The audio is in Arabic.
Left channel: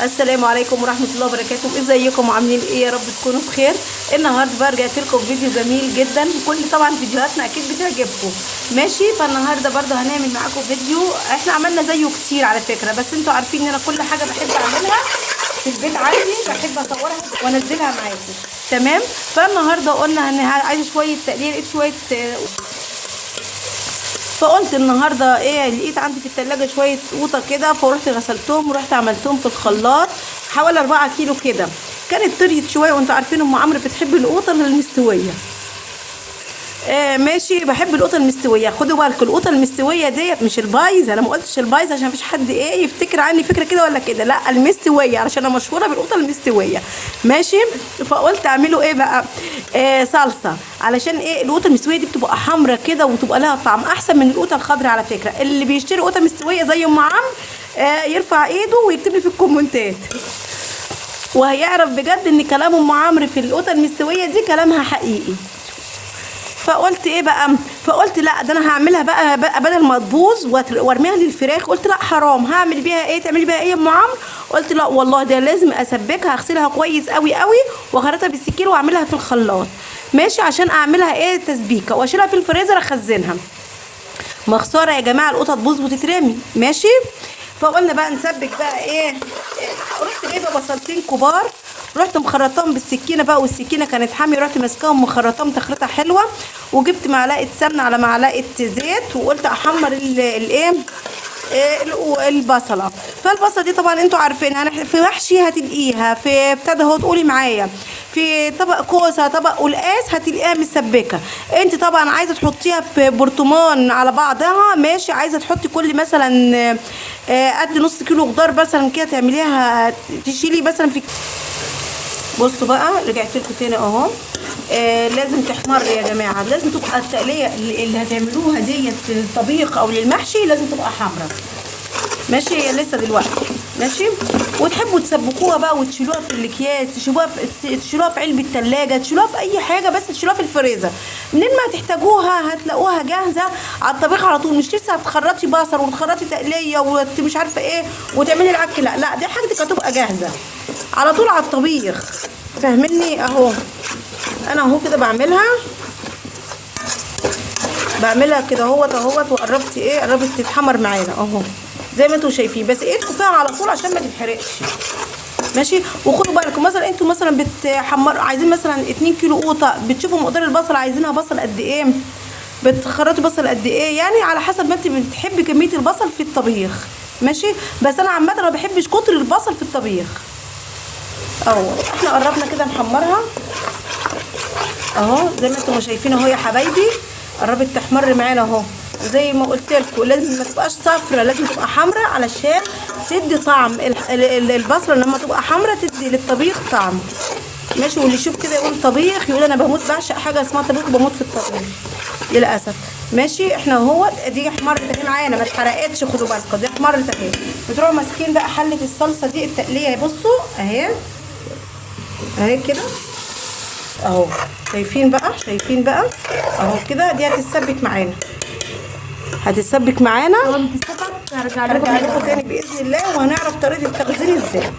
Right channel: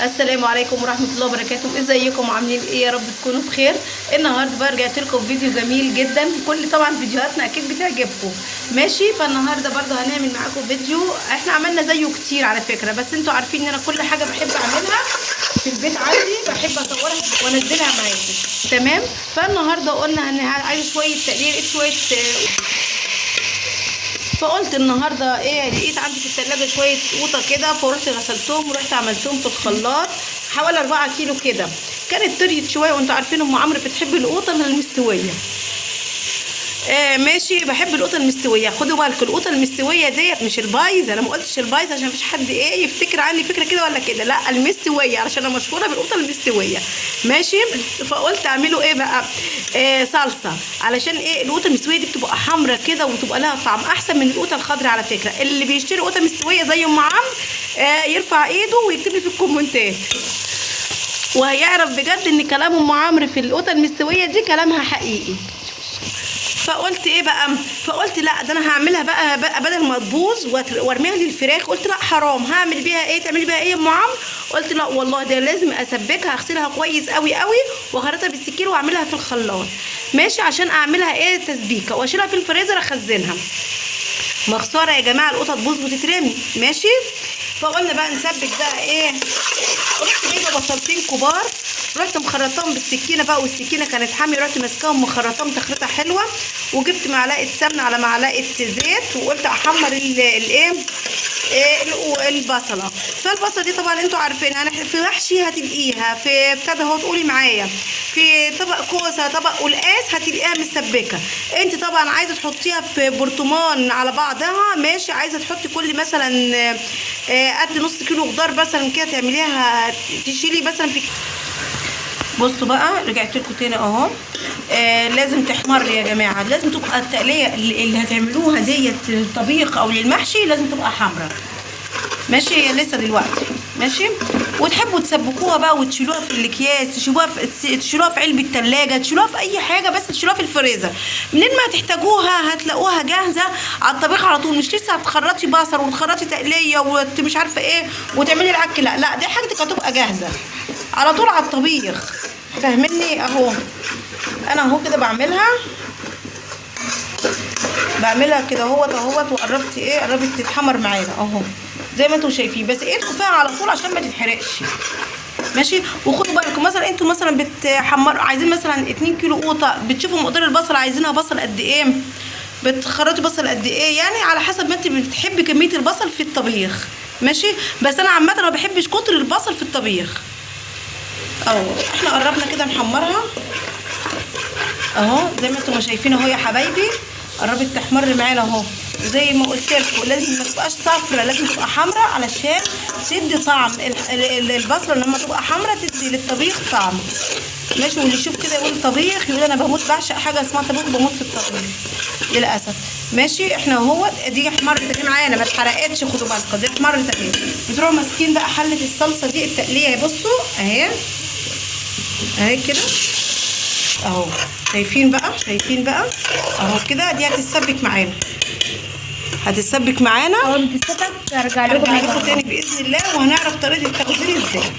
السلام عليكم ورحمه الله وبركاته. ازيكم عاملين ايه؟ يا رب تكونوا بخير. النهارده بقى رجعت لكم فيديو جميل جدا. كل طبعا فيديوهاتنا اكيد بتعجبكم ماشي. فالنهارده برده هنعمل معاكم فيديو احنا عملنا زيه كتير على فكره، بس انتوا عارفين ان انا كل حاجه بحب اعملها في البيت عندي بحب اصورها وانزلها معاكم تمام. فالنهارده قلنا عايزه شويه تقليل، شويه فقلت النهارده ايه، لقيت عندي في الثلاجه شويه قوطه كده، فقلت غسلتهم ورحت عملتهم في الخلاط حوالي 4 كيلو كده. كانت طريت شويه، وانتوا عارفين ام عمرو بتحب القوطه المستويه. ماشي، بحب القوطه المستويه. خدوا بالكم القوطه المستويه ديت مش البايظه، انا ما قلتش البايظه عشان مفيش حد ايه يفتكر عني فكره كده ولا كده، لا المستويه، علشان انا مشهوره بالقوطه المستويه ماشي. فقلت اعملوا ايه بقى، صلصه، علشان ايه القوطه المستويه دي بتبقى حمرا كده وتبقى لها طعم احسن من القوطه الخضراء. على فكره اللي بيشتري قوطه مستويه زي ام عمرو يرفع ايده ويكتب لي في الكومنتات، وهيعرف بجد ان كلام ام عمرو في القوطه المستويه دي كلامها حقيقي. فقلت ايه بقى، فقلت لا ده انا هعملها بقى بدل ما تبوظ وارميها للفراخ، قلت لا حرام، هعمل بيها ايه، تعملي بيها ايه يا ام عمرو؟ قلت لا والله ده لازم اسبكها، اغسلها كويس قوي قوي واخرطها بالسكين واعملها في الخلاط ماشي، عشان اعملها ايه تسبيكه واشيلها في الفريزر اخزنها. مخساره يا جماعه القطط تبوظ وتترمي ماشي. فقلنا بقى نسبك بقى ايه، رحت جايبه بصلتين كبار، رحت مخرطاهم بالسكينه بقى، والسكينه كانت حاميه، رحت ماسكاهم مخرطاهم تخريطه حلوه، وجبت معلقه سمنه على معلقه زيت، وقلت احمر الايه البصله. فالبصله دي طبعا انتوا عارفينها، في محشي هتلاقيها، في ابتدى اهو تقولي معايا، في طبق كوسه، طبق قلقاس هتلاقيها مسبكه. انت طبعا عايزه تحطيها في برطمان على بعضها ماشي، عايزه تحطي كل مثلا قد نص كيلو خضار مثلا كده تعمليها، تشيلي مثلا في. بصوا بقى رجعت لكم تاني اهو. لازم تحمر يا جماعه، لازم تبقى التقليه اللي هتعملوها ديت طبيخ او للمحشي لازم تبقى حمرا ماشي. هي لسه دلوقتي ماشي. وتحبوا تسبكوها بقى وتشيلوها في الاكياس، تشيلوها في علبه الثلاجه، تشيلوها في اي حاجه، بس تشيلوها في الفريزر، منين ما تحتاجوها هتلاقوها جاهزه على الطبيخ على طول. مش لسه هتخرطي بصل وتخرطي تقليه ومش عارفه ايه وتعملي العك، لا لا، دي حاجتك هتبقى جاهزه على طول على الطبيخ، فاهمني؟ اهو انا اهو كده بعملها كده اهوت وقربت ايه، قربت تتحمر معانا اهو زي ما انتم شايفين، بس ايه ارتفاع على طول عشان ما تتحرقش ماشي. وخدوا بالكم مثلا انتوا مثلا بتحمروا، عايزين مثلا 2 كيلو قوطه، بتشوفوا مقدار البصل عايزينها بصل قد ايه، بتخرطوا بصل قد ايه، يعني على حسب ما انت بتحبي كميه البصل في الطبيخ ماشي. بس انا عامه ما بحبش كتر البصل في الطبيخ. اهو احنا قربنا كده نحمرها اهو زي ما انتم شايفين اهو يا حبايبي، قربت تحمر معانا اهو. زي ما قلت لكم لازم ما تبقاش صفرا، لازم تبقى حمراء علشان تدي طعم البصله لما تبقى حمراء تدي للطبيخ طعم ماشي. واللي يشوف كده يقول طبيخ، يقول انا بموت بعشق حاجه اسمها طبيخ، بموت في الطبيخ للاسف ماشي. احنا اهو دي احمرت اهي معانا، ما اتحرقتش، خدوا بالكم دي احمرت اهي. بتروحوا ماسكين بقى حله الصلصه دي التقليه، بصوا اهي كده اهو، شايفين بقى اهو كده، دي هتتسبك معانا اول ما تتسبك هرجع لكم تاني باذن الله، وهنعرف طريقه التخزين ازاي.